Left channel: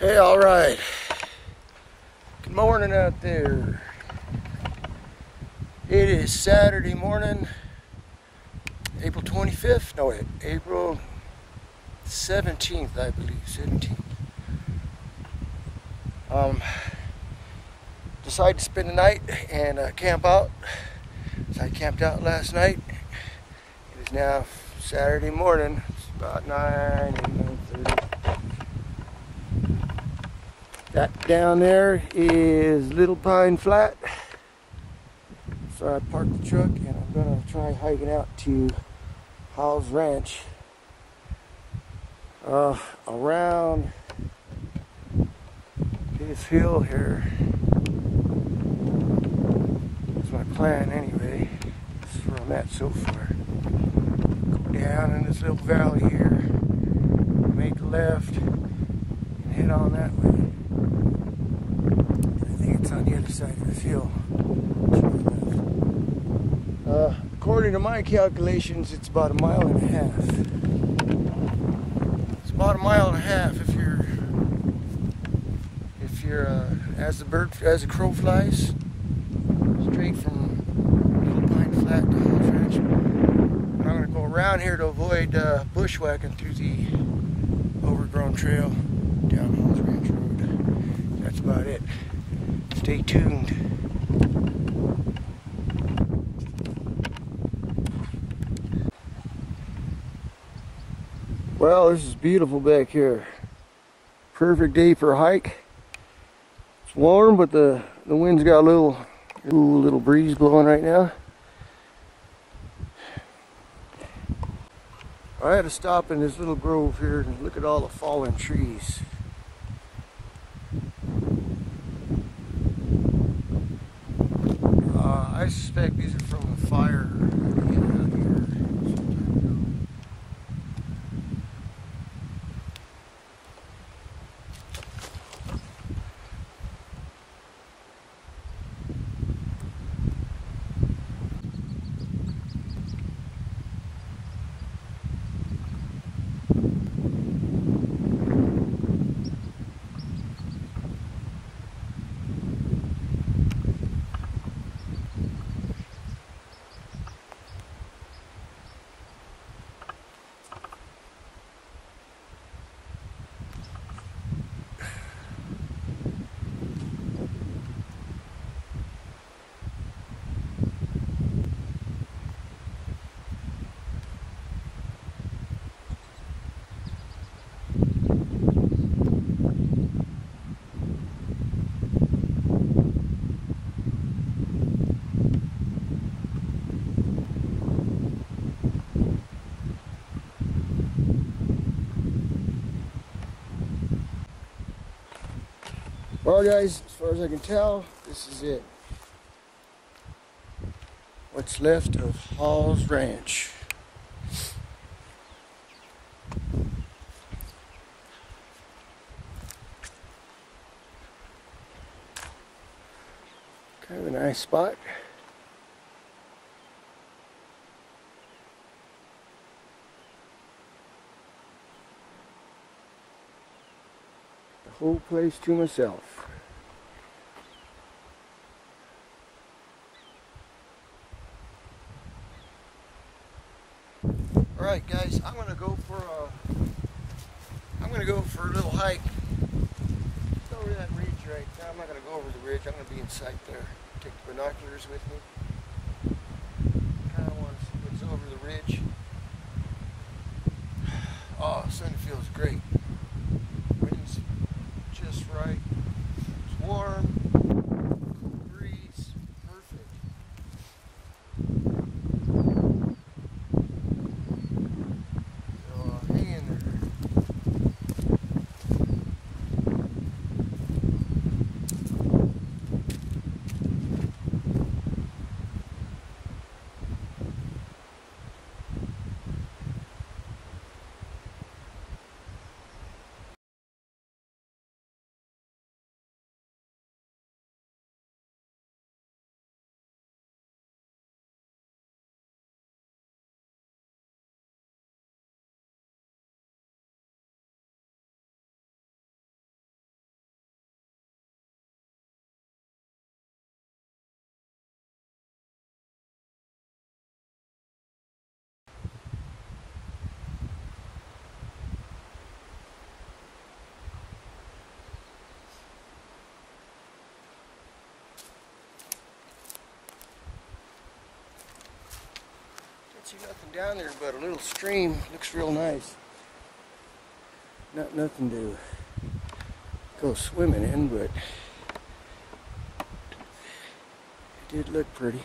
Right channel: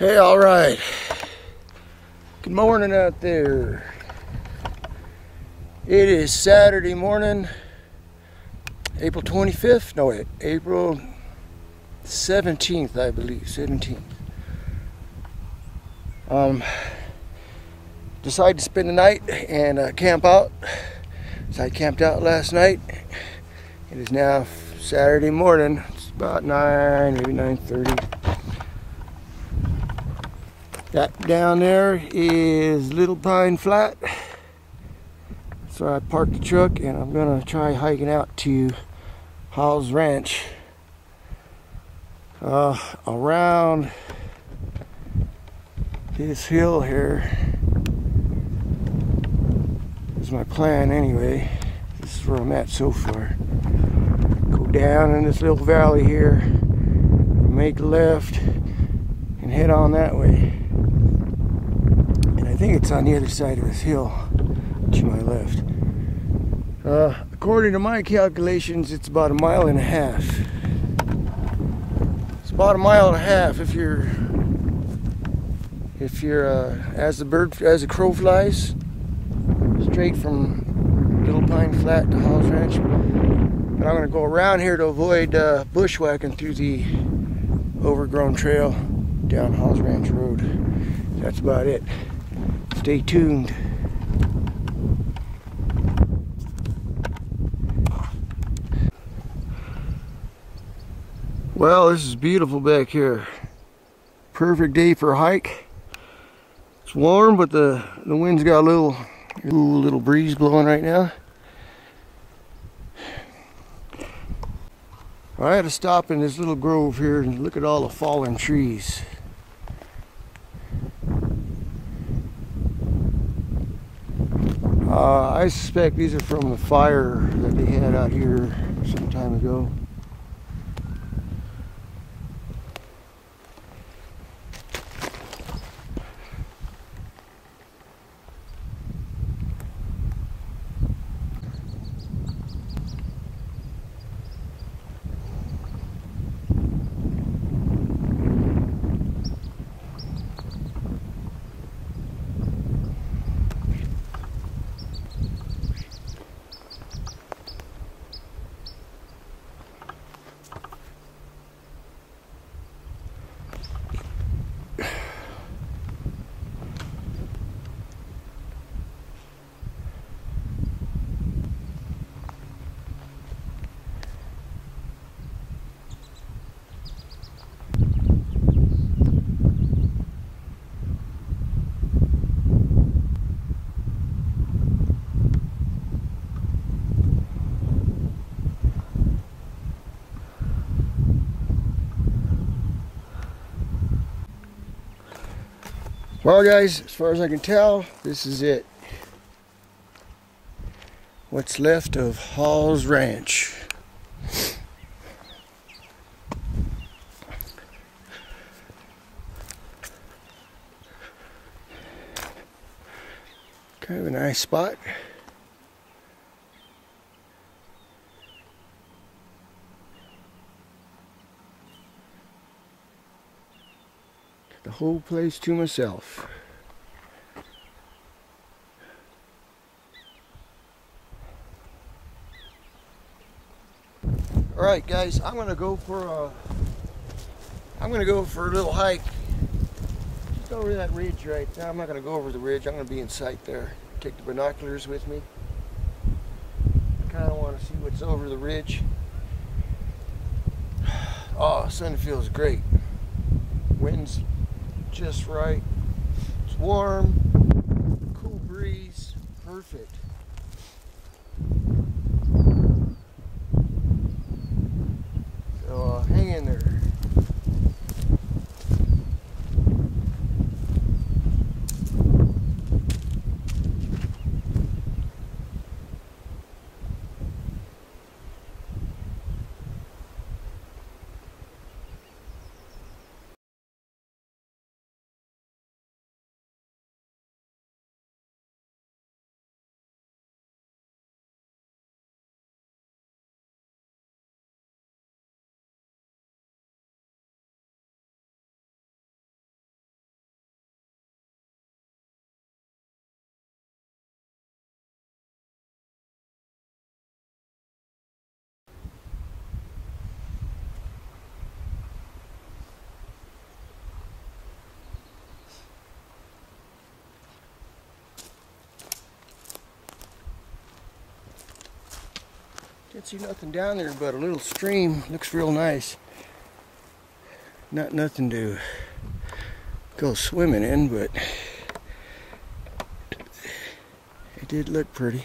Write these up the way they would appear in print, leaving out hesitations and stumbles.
Hey, all right. Good morning out there. It is Saturday morning, April 25th. No, wait, April 17th, I believe. 17th. Decided to spend the night and camp out. So I camped out last night. It is now Saturday morning. It's about 9, maybe 9:30. That down there is Little Pine Flat. So I parked the truck and I'm gonna try hiking out to Hawes Ranch. Around this hill here is my plan anyway. This is where I'm at so far. Go down in this little valley here, make a left, and head on that way. I think it's on the other side of this hill to my left. According to my calculations, it's about 1.5 miles. It's about 1.5 miles if you're as the crow flies, straight from Little Pine Flat to Hawes Ranch. But I'm going to go around here to avoid bushwhacking through the overgrown trail down Hawes Ranch Road. That's about it. Stay tuned. Well, this is beautiful back here. Perfect day for a hike. It's warm, but the wind's got a little breeze blowing right now. I had to stop in this little grove here and look at all the fallen trees. I suspect these are from the fire that they had out here some time ago. Well, guys, as far as I can tell, this is it. What's left of Hawes Ranch. Kind of a nice spot. The whole place to myself. All right, guys, I'm gonna go for a little hike just over that ridge right now. I'm not gonna go over the ridge. I'm gonna be in sight there. Take the binoculars with me. Kind of want to see what's over the ridge. Oh, sun feels great. Wind's just right. It's warm, cool breeze, perfect. So hang in there. Can't see nothing down there but a little stream. Looks real nice. Nothing to go swimming in, but it did look pretty.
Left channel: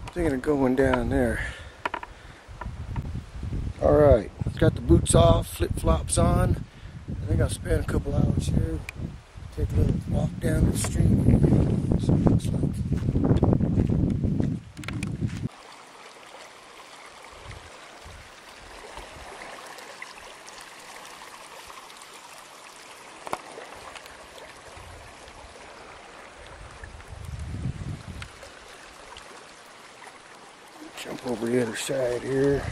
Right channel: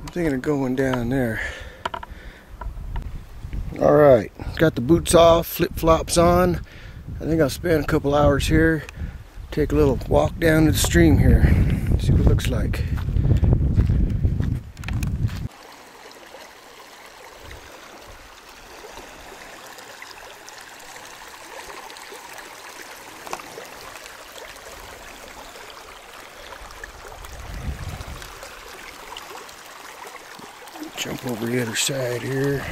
I'm thinking of going down there. Alright, got the boots off, flip-flops on. I think I'll spend a couple hours here. Take a little walk down to the stream here. See what it looks like. Jump over the other side here.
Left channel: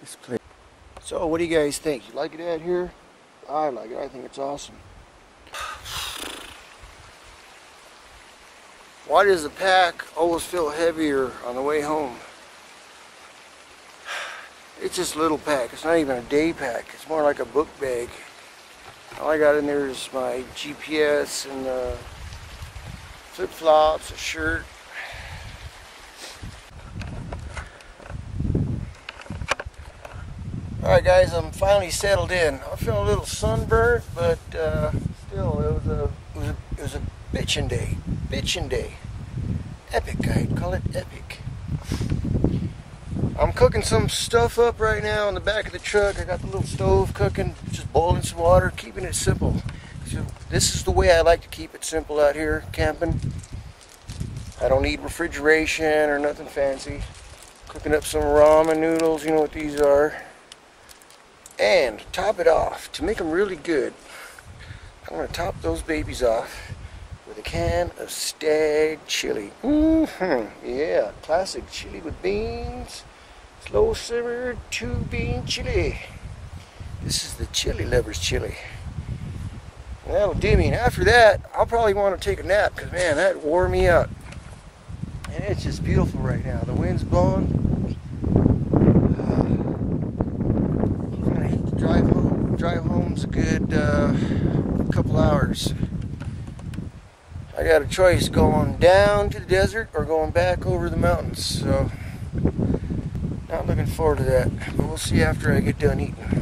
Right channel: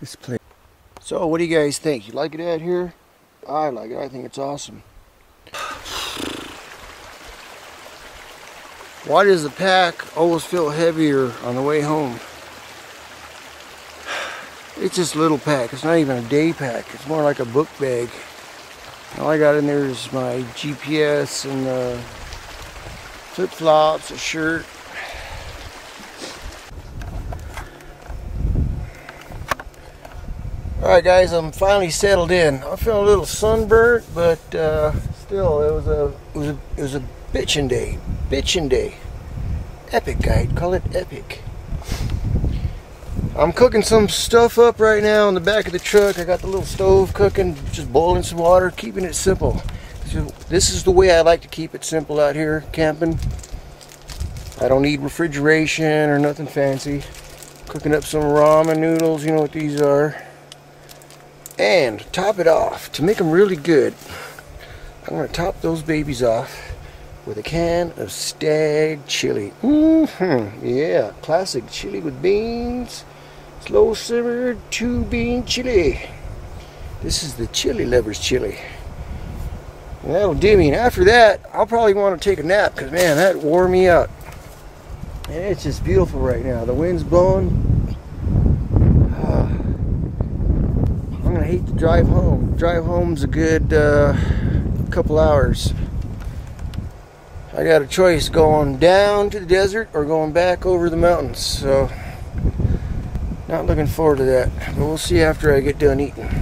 This place. So what do you guys think? You like it out here? I like it. I think it's awesome. Why does the pack always feel heavier on the way home? It's just a little pack. It's not even a day pack. It's more like a book bag. All I got in there is my GPS and flip-flops, a shirt. Alright guys, I'm finally settled in. I'm feeling a little sunburnt, but still, it was a bitchin' day. Bitchin' day. Epic, I'd call it epic. I'm cooking some stuff up right now in the back of the truck. I got the little stove cooking, just boiling some water, keeping it simple. So this is the way I like to keep it simple out here camping. I don't need refrigeration or nothing fancy. Cooking up some ramen noodles, you know what these are. And to top it off, to make them really good, I'm going to top those babies off with a can of stag chili. Yeah, classic chili with beans, slow simmered 2-bean chili. This is the chili lover's chili. And that'll do me. And after that, I'll probably want to take a nap because, man, that wore me out. And it's just beautiful right now. The wind's blowing. I hate to drive home. Drive home's a good couple hours. I got a choice going down to the desert or going back over the mountains. So, not looking forward to that. But we'll see after I get done eating.